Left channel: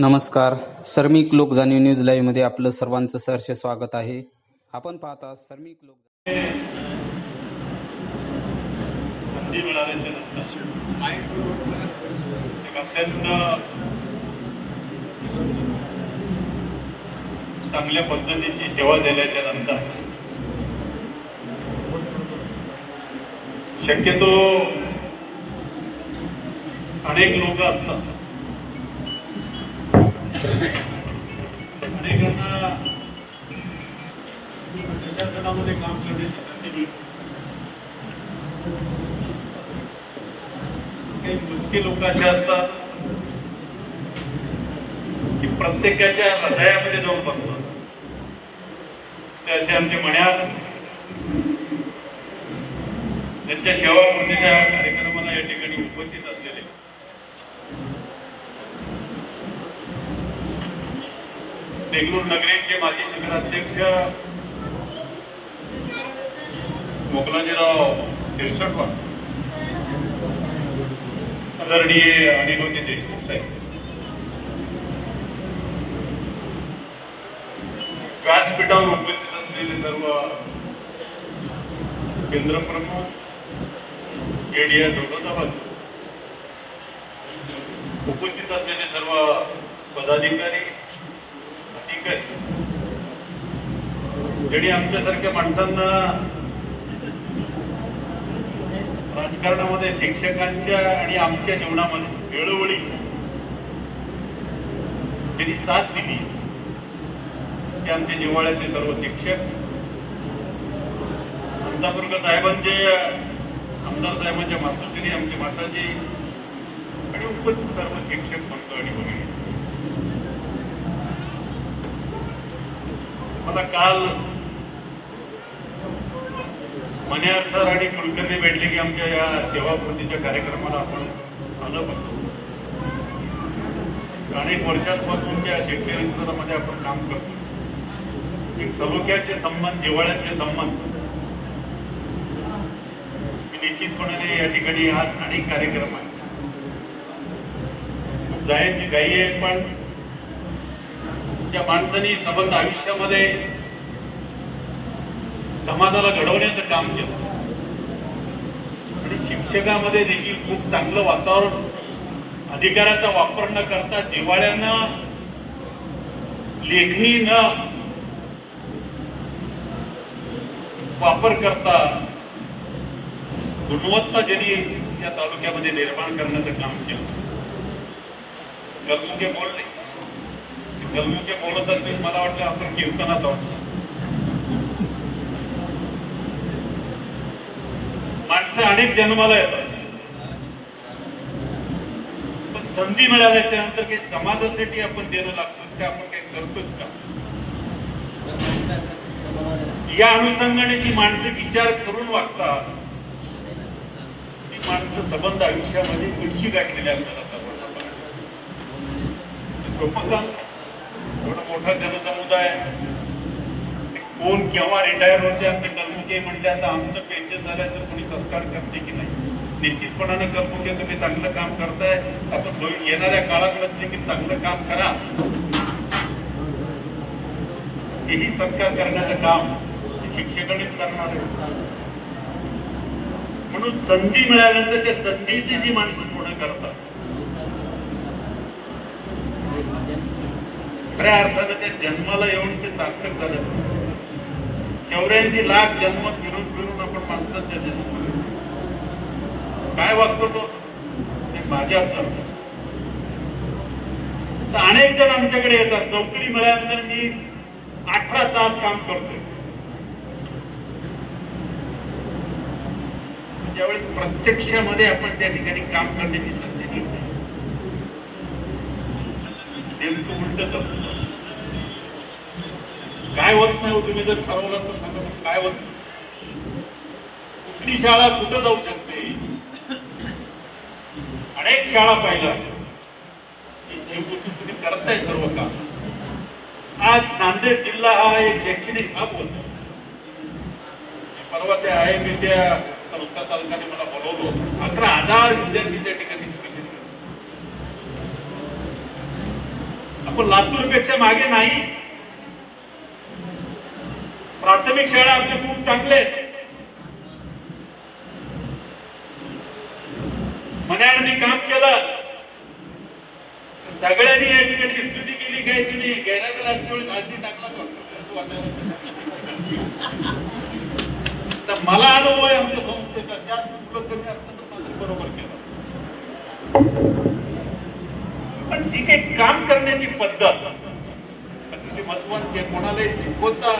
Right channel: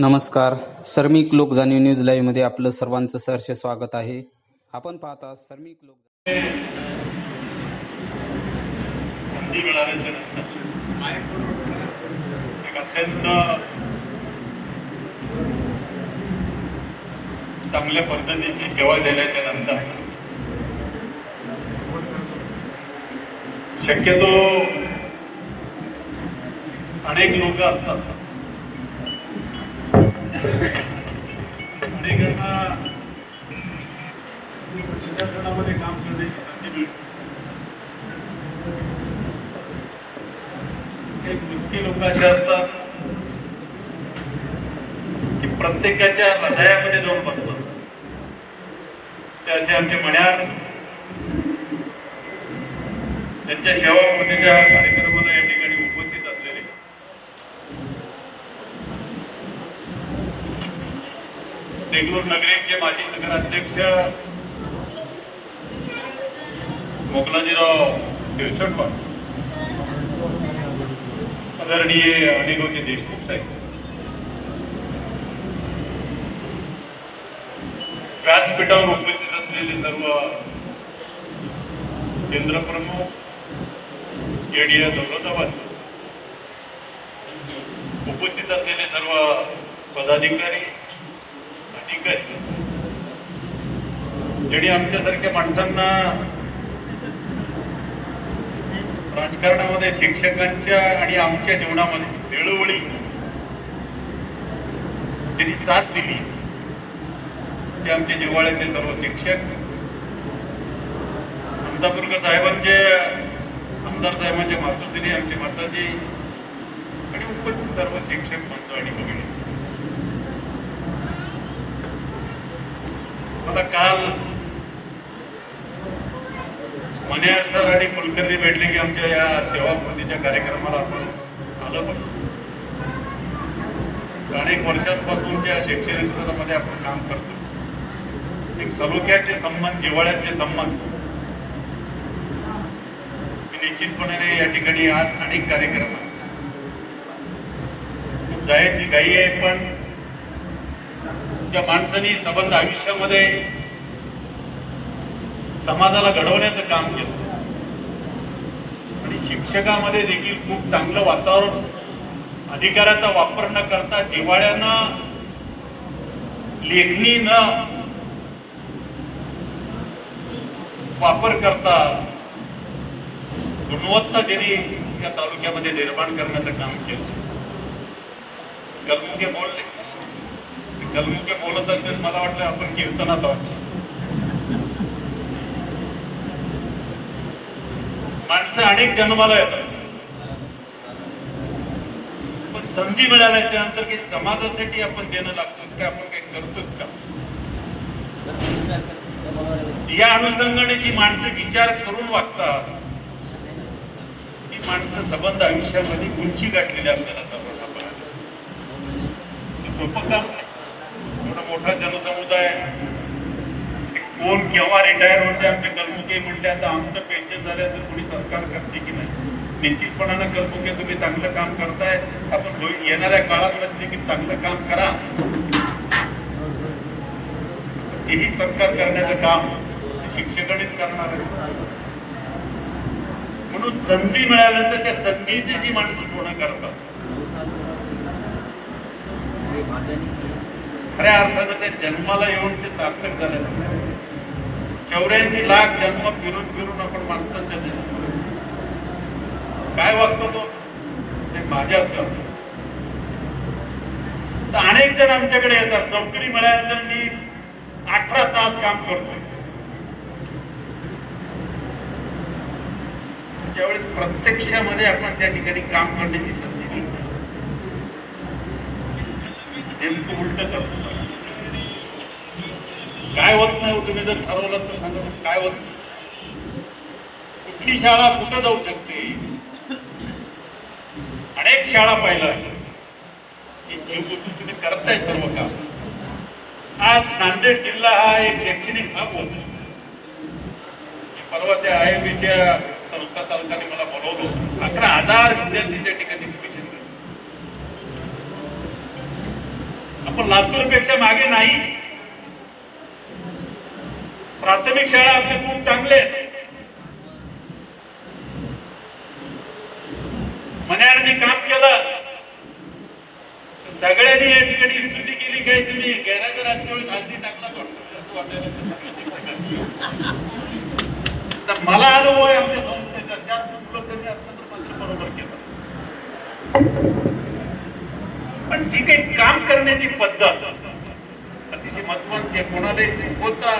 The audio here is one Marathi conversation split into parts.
नमस्कार. सर्मिक लोक जाणीव न्यूज लाईव्हमध्ये आपलं सर्वांचं सहर्ष स्वागत आहे. आपण पाहता सर्मिक लोक चांगल्या पद्धतीची सेवा दिल्याच्या नंतर शक्यतो अनेक लोक असतात. अनेकांना प्रशासनामध्ये काम करण्याची संधी मिळते काही लोक असे असतात की प्रत्येकाच्या हृदयामध्ये जाऊन बसतात ते असे आमचे मण्यात त्यांच्या सेवापूर्तीच्या कार्यक्रमाला या ठिकाणी उपस्थित असलेले देगलूर नगरीचे माजी नगराध्यक्ष मोगलाजीराव शिरसटकर आदरणीय अनिलोजी देशमुख साहेब. व्यासपीठावर उपस्थित असलेले सर्व केंद्रप्रमुख एडीए दौलताबाद उपस्थित असलेले सर्व पदाधिकारी अधिकारी ज्यांनी आमच्यासारख्या माणसांना राजकारणामध्ये शिक्षकांच्या आणि आमच्या जीवनामध्ये वेळोवेळी त्यांनी साथ दिली. ते आमचे जिव्हाळ्याचे सर्व शिक्षक. अंतापूरकर साहेबांचे आमदार साहेबांचे मातोश्री आमचे माताजी आणि उपस्थित सर्व शिक्षक बंधू आणि भगिनी. मला काल मने सर आणि कुलकर्णी भेटले की आमच्या या सेवाकृतीच्या कार्यक्रमाला आपण आलं पण. अनेक वर्षांपासूनच्या शैक्षणिक क्षेत्रामध्ये आपण काम करतो एक सलोख्याचे संबंध जिवाळ्याचे संबंध मी निश्चितपणे या ठिकाणी आज अनेक कार्यक्रम जायची घाई आहे पण त्या माणसांनी संबंध आयुष्यामध्ये समाजाला घडवण्याचं काम केलं. आणि शिक्षकामध्ये देखील खूप चांगलं वातावरण अधिकाराचा वापर न करता जिव्हाळ्यानं लेखणी न वापर करता गुणवत्ता ज्यांनी या तालुक्यामध्ये निर्माण करण्याचं काम केलं. बोलले? कलमुखे बोलत असेल मला वाटलं आपण कीर्तनात आहोत. माणसं अनेक जन्माला येतात. पण संधी मिळाल्याच्या नंतर काही समाजासाठी आपण देणं लागतो का? आपण काही करतोच का? या अनुषंगाने जी माणसं विचार करून वागतात ती माणसं संबंध आयुष्यामध्ये उंची गाठलेली आपल्याला सर्वांना पाहायला. हे मोठा जनसमुदाय कोण केव्हा रिटायर होते आमचे कर्मुके म्हणले आता आमचं पेन्शन झाल्याचं कोणी सरकार करते की नाही? निश्चितपणानं कर्मुके तुम्ही चांगलं काम करताय. आपण येणाऱ्या काळात नसले की चांगलं काम करा. हेही सरकार करण्याचं काम शिक्षकांनीच करणार म्हणून संधी मिळाल्यानंतर त्या संधीची जी माणसं पूर्ण करतात. खऱ्या अर्थानं त्या जन्माला येऊन ते सार्थक झाले. चौऱ्याऐंशी लाख जन्म फिरून फिरून आपण माणसांच्या दिसतो काय वागतो तो? ते माझ्या असं तर अनेक जण आमच्याकडे येतात. नोकरी मिळाल्यानंतर मी अठरा तास काम करतोय. त्यावेळेस प्रत्यक्षामध्ये आपण त्या ठिकाणी काम करण्याची संधी मिळते नेमकं उलट करतो. काय होत नाही हो तुम्ही जर ठरवलं तर सांगा काय होत नाही. कुठली शाळा कुठं जाऊ शकते? अनेक शाळा पाहिल्या तुम्ही करताय सर्व काम. आज नांदेड जिल्हा हा एक शैक्षणिक हब होता. परवा त्या आय एम बीच्या संस्था चालकाने मला बोलवलं अकरा हजार विद्यार्थी त्या ठिकाणी आपण लातूरपेक्षा मागे नाही. प्राथमिक शाळा आपले खूप चांगले आहेत. मन्याळांनी काम केलं. सगळ्यांनी या ठिकाणी स्तुती केली काय तुम्ही? गैराचं राजकीय खालती टाकला का? तर मला अनुभव आहे आमच्या संस्थेचा. चार उपलब्ध बरोबर केलं. जी काही काम करण्याची पद्धत अतिशय महत्वाची आहे कोणालाही चुकवता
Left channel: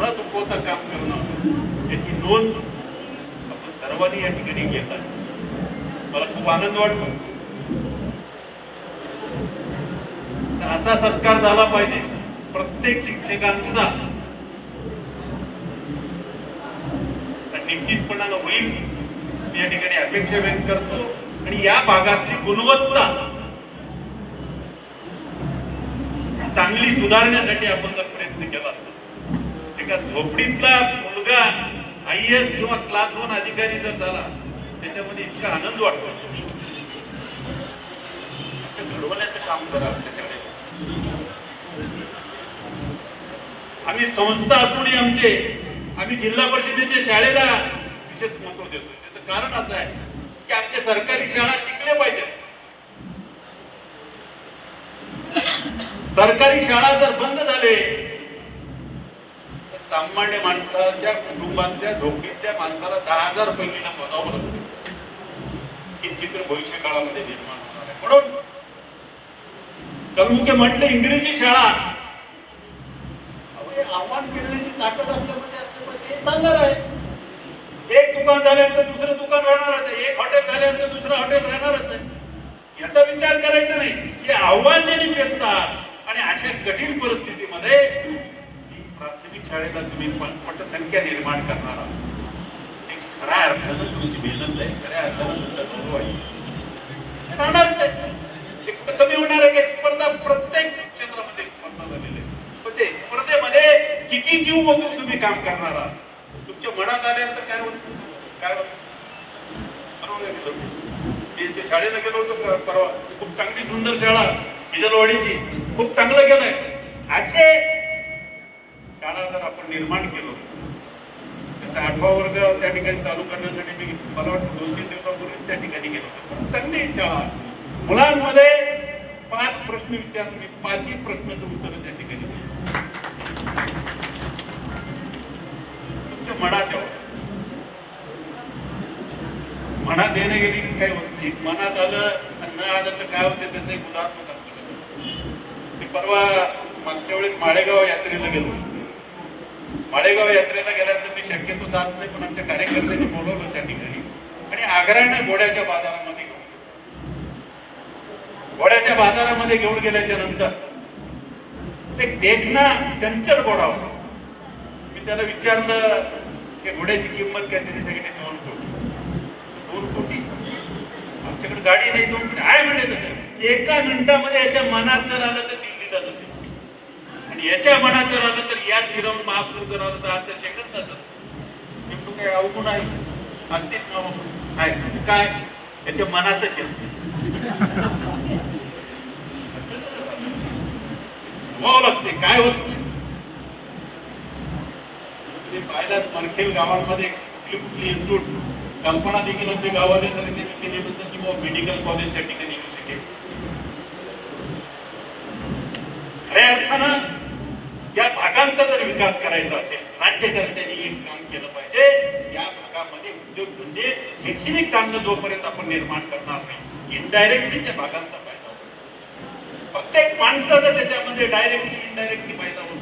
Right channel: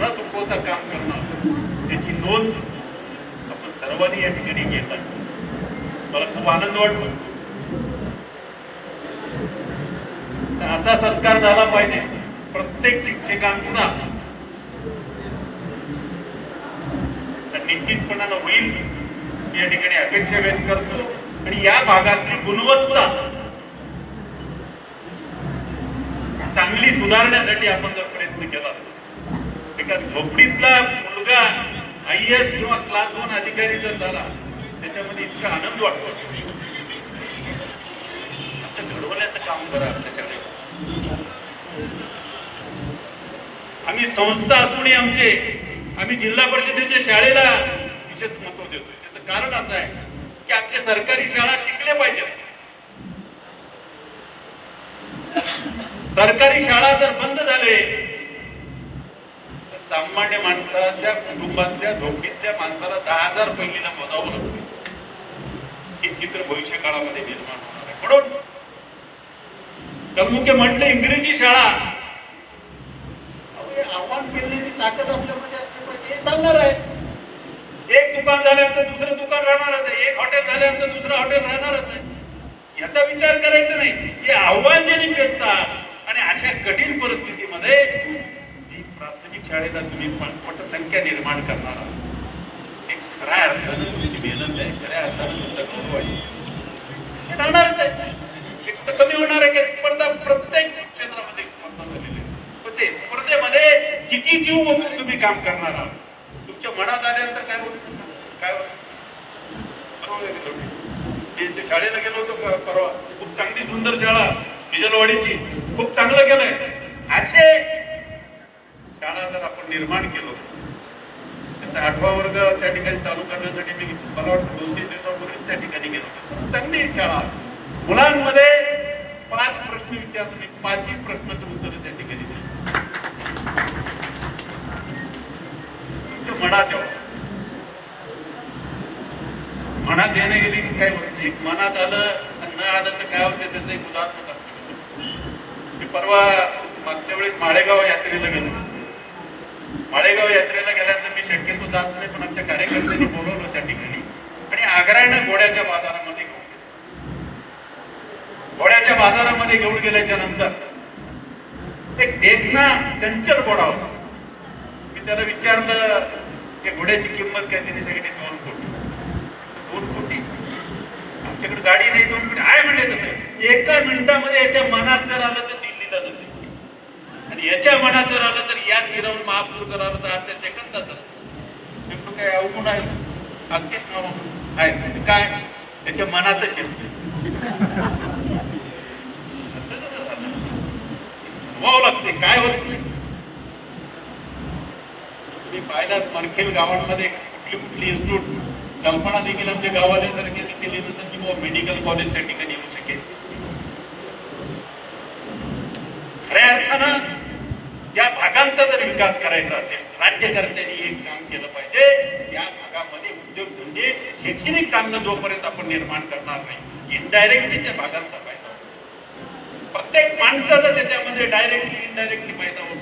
न चुकवता काम करणं त्याची नोंद आपण सर्वांनी या ठिकाणी घेत आहे मला खूप आनंद वाटतो. असा सत्कार झाला पाहिजे प्रत्येक शिक्षकांचा. निश्चितपणानं होईल. या ठिकाणी अपेक्षा व्यक्त करतो. आणि या भागातली गुणवत्ता चांगली सुधारण्यासाठी आपण जर प्रयत्न केला एका झोपडीतला मुलगा आय एस किंवा क्लास वन अधिकारी जर झाला त्याच्यामध्ये इतका आनंद वाटतो. असं घडवण्याचं काम करा आम्ही संस्था असूनही आमचे आम्ही जिल्हा परिषदेच्या शाळेला विशेष महत्त्व देतो त्याचं कारण असं आहे की आमच्या सरकारी शाळा टिकल्या पाहिजेत. सरकारी शाळा जर बंद झाले तर सामान्य माणसाच्या कुटुंबातल्या झोपीतल्या माणसाला दहा हजार पहिलीला मोजावं लागतं हे चित्र भविष्य काळामध्ये निर्माण होणार आहे. म्हणून कमी म्हटलं इंग्रजी शाळा. आव्हान केल्याची ताकद आपल्यामध्ये असल्यामुळे ते चालणार आहे. एक दुकान झाल्यानंतर दुसरं दुकान राहणारच आहे. एक हॉटेल झाल्यानंतर दुसरं हॉटेल राहणारच आहे. याचा विचार करायचा नाही. हे आव्हान ज्यांनी घेतला अशा कठीण परिस्थितीमध्ये जी प्राथमिक शाळेला तुम्ही पटसंख्या निर्माण करणार आहात. खऱ्या अर्थानं तुमची मेहनत आहे खऱ्या अर्थानं तुमचा गौरव आहे. राहणारच आहे. एक तर कमी होणार आहे की स्पर्धा प्रत्येक क्षेत्रामध्ये स्पर्धा झालेली आहे. पण ते स्पर्धेमध्ये किती जीव बघून तुम्ही काम करणार आहात? तुमच्या मनात आल्यानंतर काय होतं? काय होतं? शाळेला गेलो होतो परवा. खूप चांगली सुंदर शाळा. डिझेलवाडीची खूप चांगलं गेलंय. असे शाळा जर आपण निर्माण केलो त्याचा आठवा वर्ग त्या ठिकाणी चालू करण्यासाठी मी मला वाटतं दोन तीन दिवसापूर्वीच त्या ठिकाणी गेलो चांगली शाळा. मुलांमध्ये पाच प्रश्न विचारतो मी पाचही प्रश्नाचं उत्तर त्या ठिकाणी तुमच्या मनात मनात येणे गेली की काय होत नाही. मनात आलं न आलं तर काय होतं? त्याचं एक उदाहरण परवा मागच्या वेळेस माळेगाव यात्रेला गेलो माळेगाव यात्रेला गेल्यानंतर मी शक्यतो जात नाही पण आमच्या कार्यकर्त्यांनी बोलवलं त्या ठिकाणी. आणि आग्र्याने घोड्याच्या बाजारामध्ये घेऊन घोड्याच्या बाजारामध्ये घेऊन गेल्याच्यानंतर ते देखना चंचल घोडा होता. मी त्याला विचारलं की घोड्याची किंमत काय? तिने सगळी दोन कोटी. दोन कोटी? आमच्याकडे गाडी नाही दोन कोटी? आहे म्हणजे एका मिनिटामध्ये याच्या मनात जर आलं तर दिल्लीला आणि याच्या मनात जर आलं तर यात फिरवून महापूर जर आलं तर आता सेकंद जातात काय अवगुण आहे? अगदीच आहे. म्हणजे काय? त्याच्या मनातच येत लागते. काय होत नाही. तुम्ही पाहिलात मनखेल गावांमध्ये कुठली कुठली इन्स्टिट्यूट कल्पना देखील आमच्या गावाने जर केली तर नसेल मेडिकल कॉलेज त्या ठिकाणी येऊ शकेल. खऱ्या अर्थानं या भागांचा जर विकास करायचा असेल राज्यकर्त्यांनी एक काम केलं पाहिजे या भागामध्ये उद्योग म्हणजे शैक्षणिक काम जोपर्यंत आपण निर्माण करणार नाही इनडायरेक्टली त्या भागांचा फायदा होतो. प्रत्येक माणसाचा त्याच्यामध्ये डायरेक्टली इनडायरेक्टली फायदा होतो.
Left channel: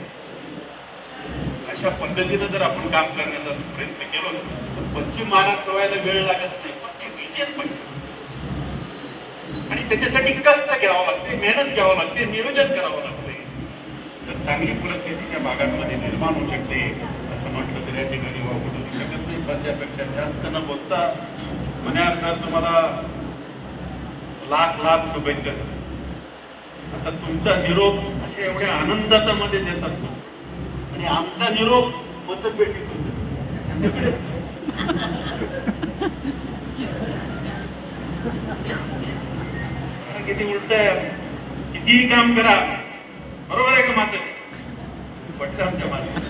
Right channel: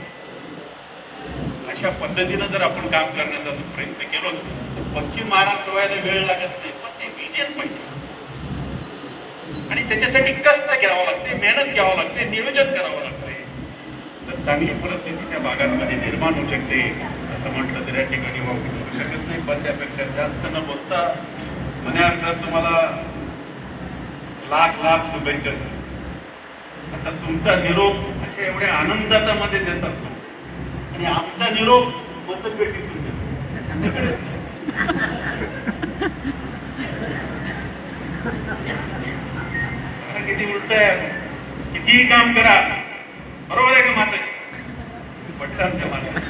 अशा पद्धतीनं जर आपण काम करण्याचा प्रयत्न केलो तर पश्चिम महाराष्ट्र व्हायला वेळ लागत नाही पण ते विजन पाहिजे आणि त्याच्यासाठी कष्ट घ्यावं लागते मेहनत घ्यावं लागते नियोजन करावं लागते. तर चांगली परिस्थिती त्या भागांमध्ये निर्माण होऊ शकते असं म्हटलं तर या ठिकाणी वापरू शकत नाही. पण त्यापेक्षा जास्त न बोलता म्हण्यानंतर तुम्हाला लाख लाख शुभेच्छा आता तुमचा निरोप असे एवढ्या आनंदाचा मध्ये देतात ना. आणि आमचा निरोप मतपेटीतून किती उलट आहे. कितीही काम करा. बरोबर आहे का माता पटलं आमच्या माता